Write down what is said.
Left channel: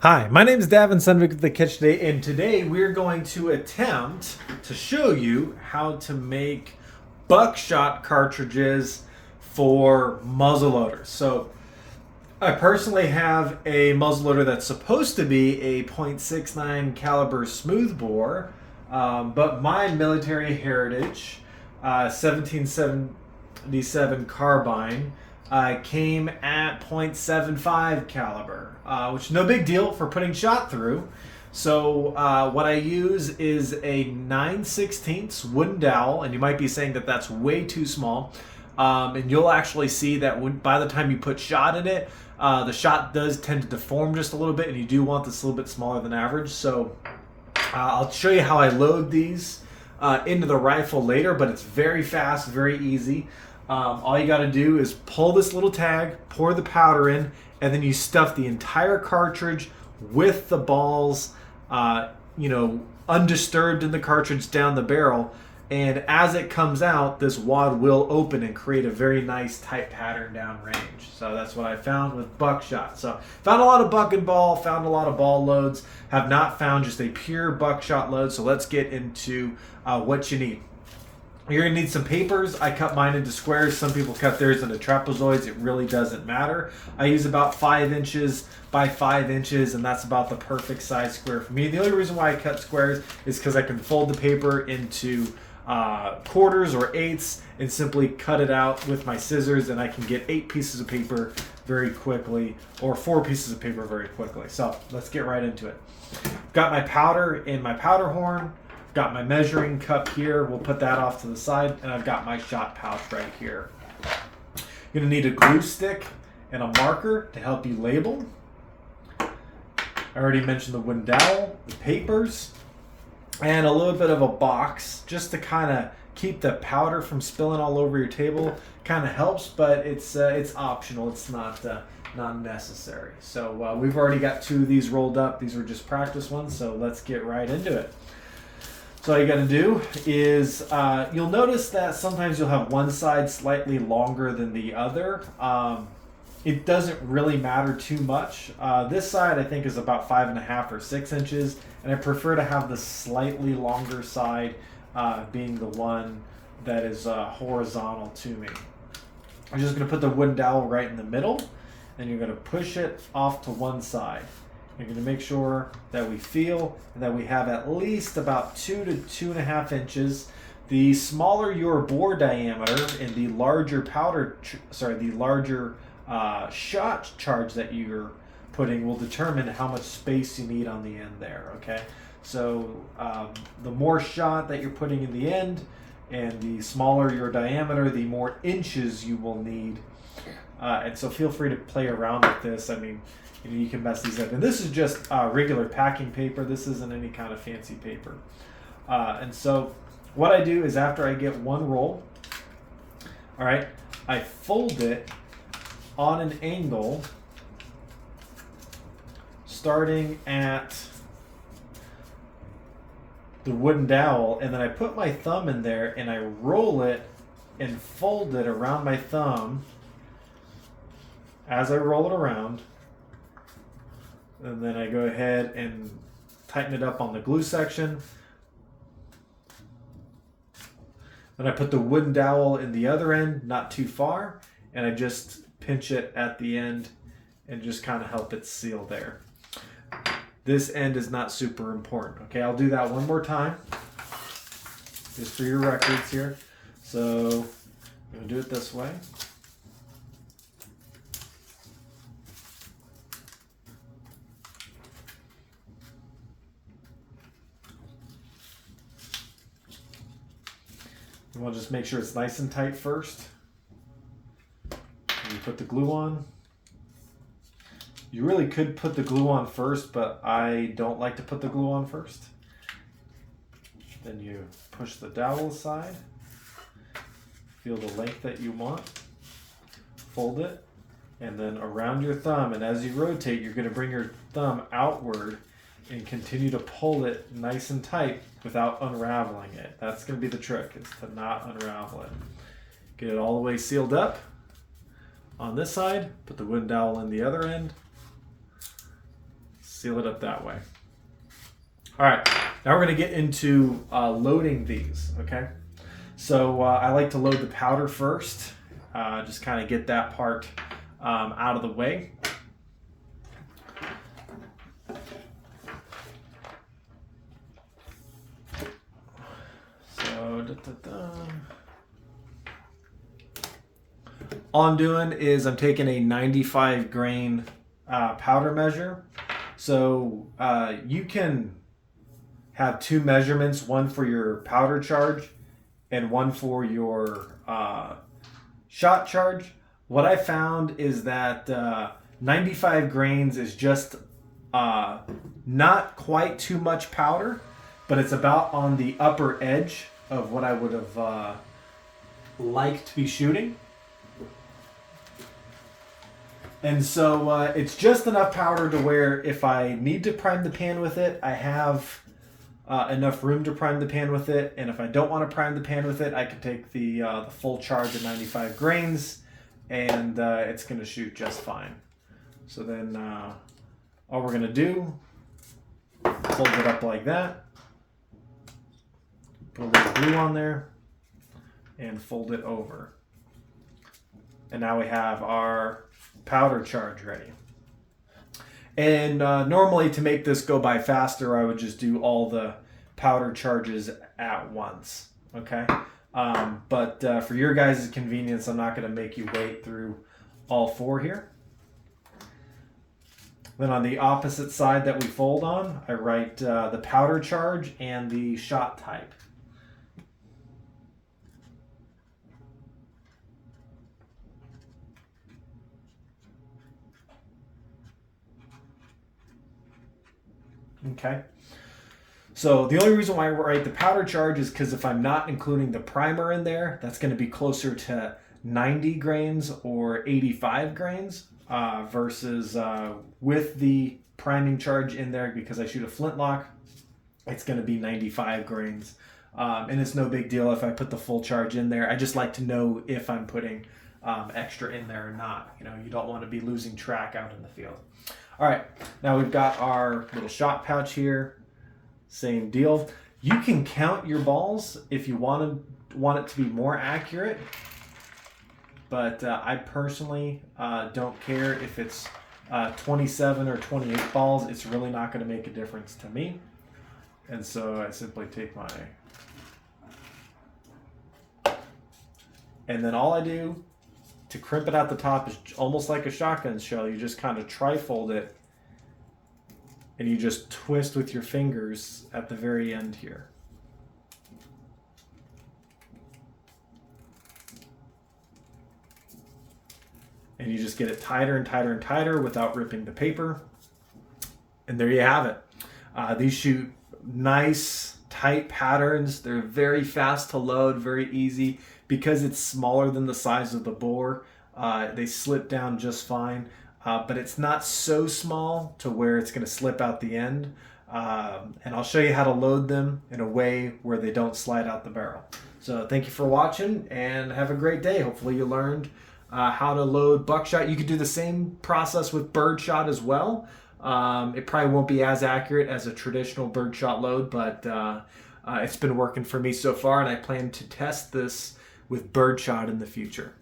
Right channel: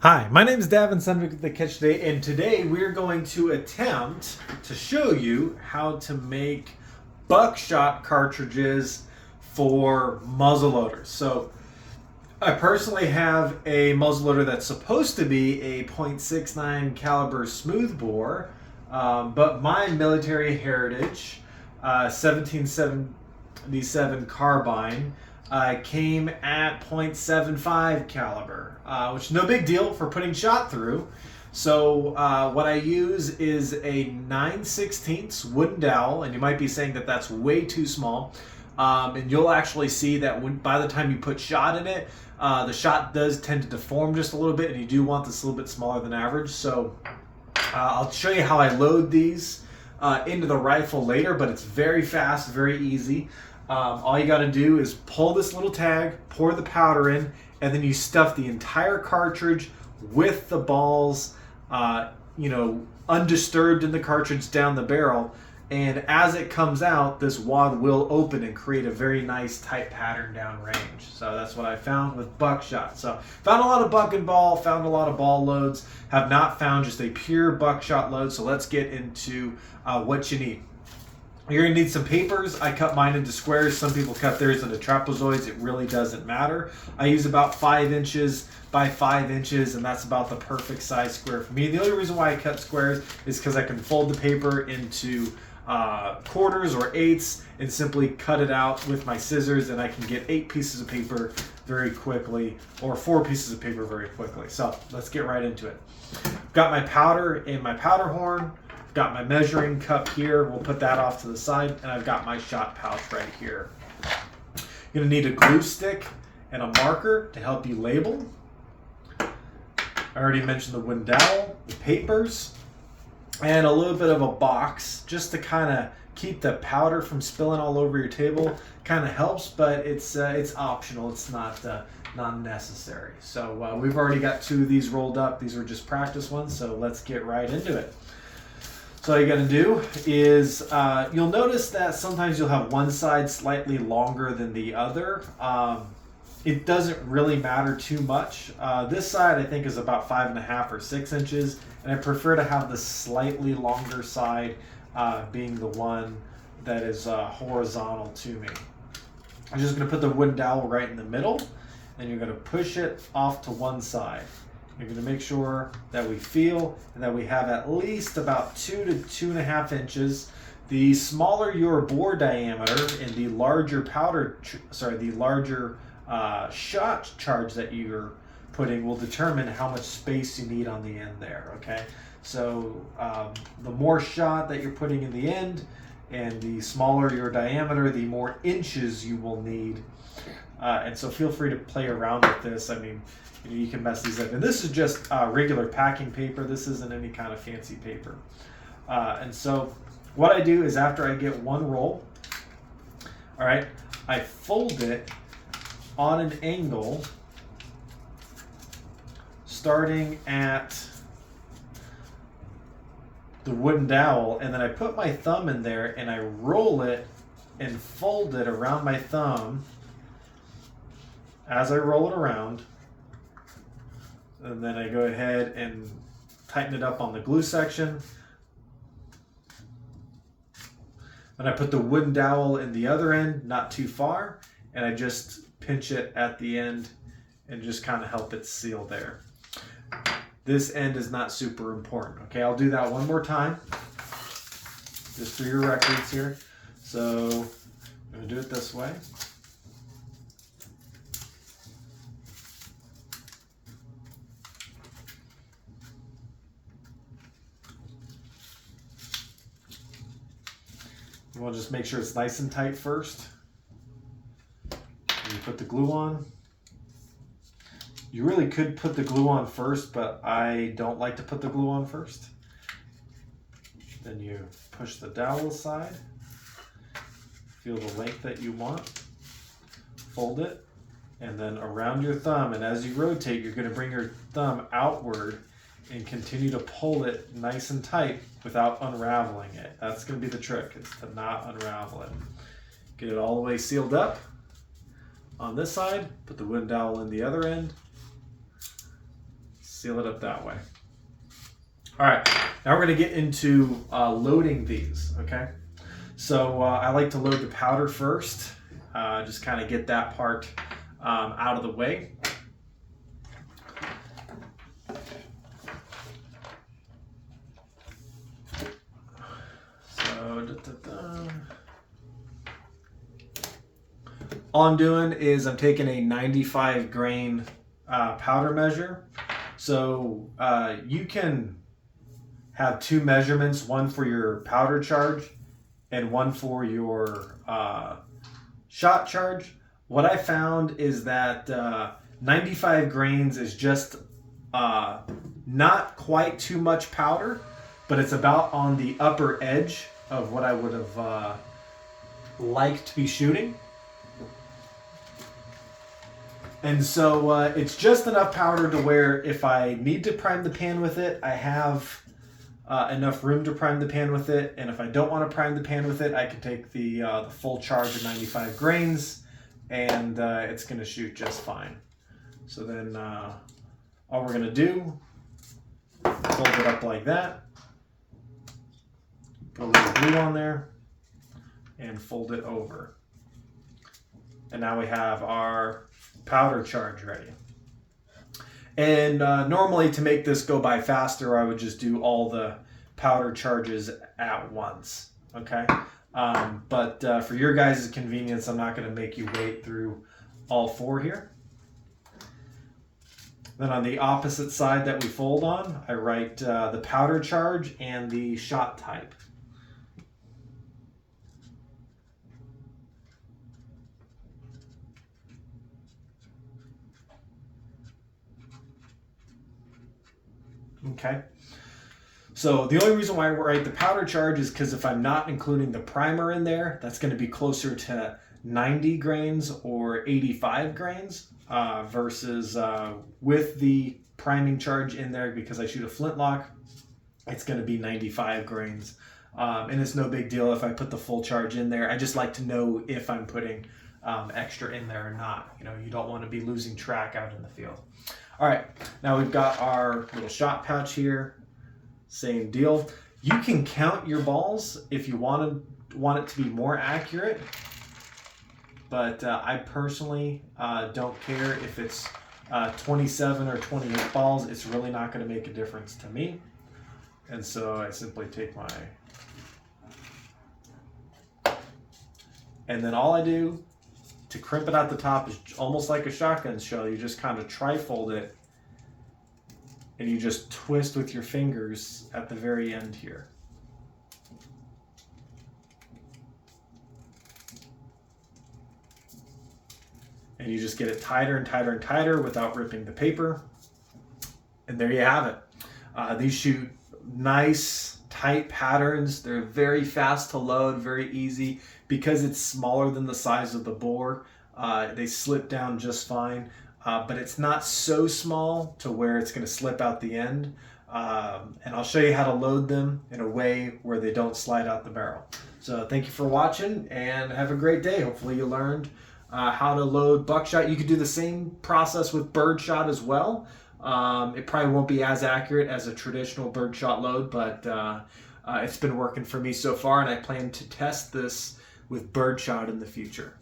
Hi, my name is Davin Sundvik with the Catch Today, and today we're going to attempt to show you how to make buckshot cartridges for muzzleloaders. So, I personally have a muzzleloader that's supposed to be a .69 caliber smoothbore, but my military heritage 1777 carbine came at .75 caliber, which is no big deal for putting shot through. So what I use is a 9/16 wooden dowel, and you might be saying that that's way too small. And you'll actually see that by the time you put shot in it, the shot does tend to deform just a little bit, and you do want this a little bit smaller than average. So I'll show you how I load these into the rifle later, but it's very fast, very easy. All you got to do is pull this little tag, pour the powder in, and then you stuff the entire cartridge with the balls, undisturbed in the cartridge down the barrel. And as it comes out, this wad will open and create a very nice tight pattern down range. So that's what I found with buckshot. So found a lot of buck and ball, found a lot of ball loads, have not found just a pure buckshot load. So let's get into what you need. You're going to need some papers. I cut mine into squares. Some people cut theirs into trapezoids. It really doesn't matter. I use about 5 inches by 5 inches, and that's about the perfect size square for me. The only reason why I cut squares is because I can fold the paper into quarters or eighths and simply cut it out with my scissors, and I can get 8 pieces of paper very quickly, or 4 pieces of paper very quickly. So let's get right into it. Got my powder in my powder horn. Got my measuring cup here. We'll put that off to the side, and I've got my shot pouch right here. You're gonna need a glue stick and a marker to help you label. I already mentioned the wooden dowel, the papers, and a little bit of a box just to kind of keep the powder from spilling all over your table. Kind of helps, but it's optional. It's not necessary. So we've already got 2 of these rolled up. These are just practice ones, so let's get right into it. So all you got to do is you'll notice that sometimes you'll have one side slightly longer than the other. It doesn't really matter too much. This side I think is about 5.5 or 6 inches, and I prefer to have the slightly longer side being the one that is horizontal to me. I'm just going to put the wooden dowel right in the middle, and you're going to push it off to one side. You're going to make sure that we feel and that we have at least about 2 to 2.5 inches. The smaller your bore diameter and the larger shot charge that you're putting will determine how much space you need on the end there. Okay, so the more shot that you're putting in the end, and the smaller your diameter, the more inches you will need. And so feel free to play around with this. I mean, you can mess these up. And this is just regular packing paper. This isn't any kind of fancy paper. And so what I do is after I get one roll, all right, I fold it on an angle starting at the wooden dowel, and then I put my thumb in there and I roll it and fold it around my thumb as I roll it around. And then I go ahead and tighten it up on the glue section. Then I put the wooden dowel in the other end, not too far, and I just pinch it at the end and just kind of help it seal there. This end is not super important. Okay, I'll do that one more time, just for your records here. So I'm going to do it this way. You want to just make sure it's nice and tight first. And you put the glue on. You really could put the glue on first, but I don't like to put the glue on first. Then you push the dowel aside. Feel the length that you want. Fold it, and then around your thumb. And as you rotate, you're going to bring your thumb outward and continue to pull it nice and tight without unraveling it. That's going to be the trick, is to not unravel it. Get it all the way sealed up on this side, put the wooden dowel in the other end, seal it up that way. All right, now we're going to get into loading these, okay? So I like to load the powder first, just kind of get that part out of the way. So, all I'm doing is I'm taking a 95 grain powder measure. So you can have two measurements, one for your powder charge and one for your shot charge. What I found is that 95 grains is just not quite too much powder, but it's about on the upper edge of what I would have liked to be shooting. And so it's just enough powder to where if I need to prime the pan with it, I have enough room to prime the pan with it. And if I don't want to prime the pan with it, I can take the full charge of 95 grains and it's going to shoot just fine. So then all we're going to do, fold it up like that, put a little glue on there, and fold it over. And now we have our powder charge ready. And normally to make this go by faster, I would just do all the powder charges at once, okay? But for your guys' convenience, I'm not going to make you wait through all four here. Then on the opposite side that we fold on, I write the powder charge and the shot type. Okay, so the only reason why I write the powder charge is because if I'm not including the primer in there, that's going to be closer to 90 grains or 85 grains versus with the priming charge in there, because I shoot a flintlock, it's going to be 95 grains. And it's no big deal if I put the full charge in there. I just like to know if I'm putting extra in there or not. You know, you don't want to be losing track out in the field. All right, now we've got our little shot pouch here. Same deal. You can count your balls if you want it to be more accurate, but I personally don't care if it's 27 or 28 balls. It's really not going to make a difference to me. And so I simply take my, and then all I do to crimp it out the top is almost like a shotgun shell. You just kind of tri-fold it and you just twist with your fingers at the very end here. And you just get it tighter and tighter and tighter without ripping the paper. And there you have it. These shoot nice, tight patterns. They're very fast to load, very easy. Because it's smaller than the size of the bore, they slip down just fine. But it's not so small to where it's going to slip out the end. And I'll show you how to load them in a way where they don't slide out the barrel. So thank you for watching and have a great day. Hopefully you learned how to load buckshot. You could do the same process with birdshot as well. It probably won't be as accurate as a traditional birdshot load, but it's been working for me so far, and I plan to test this with birdshot in the future.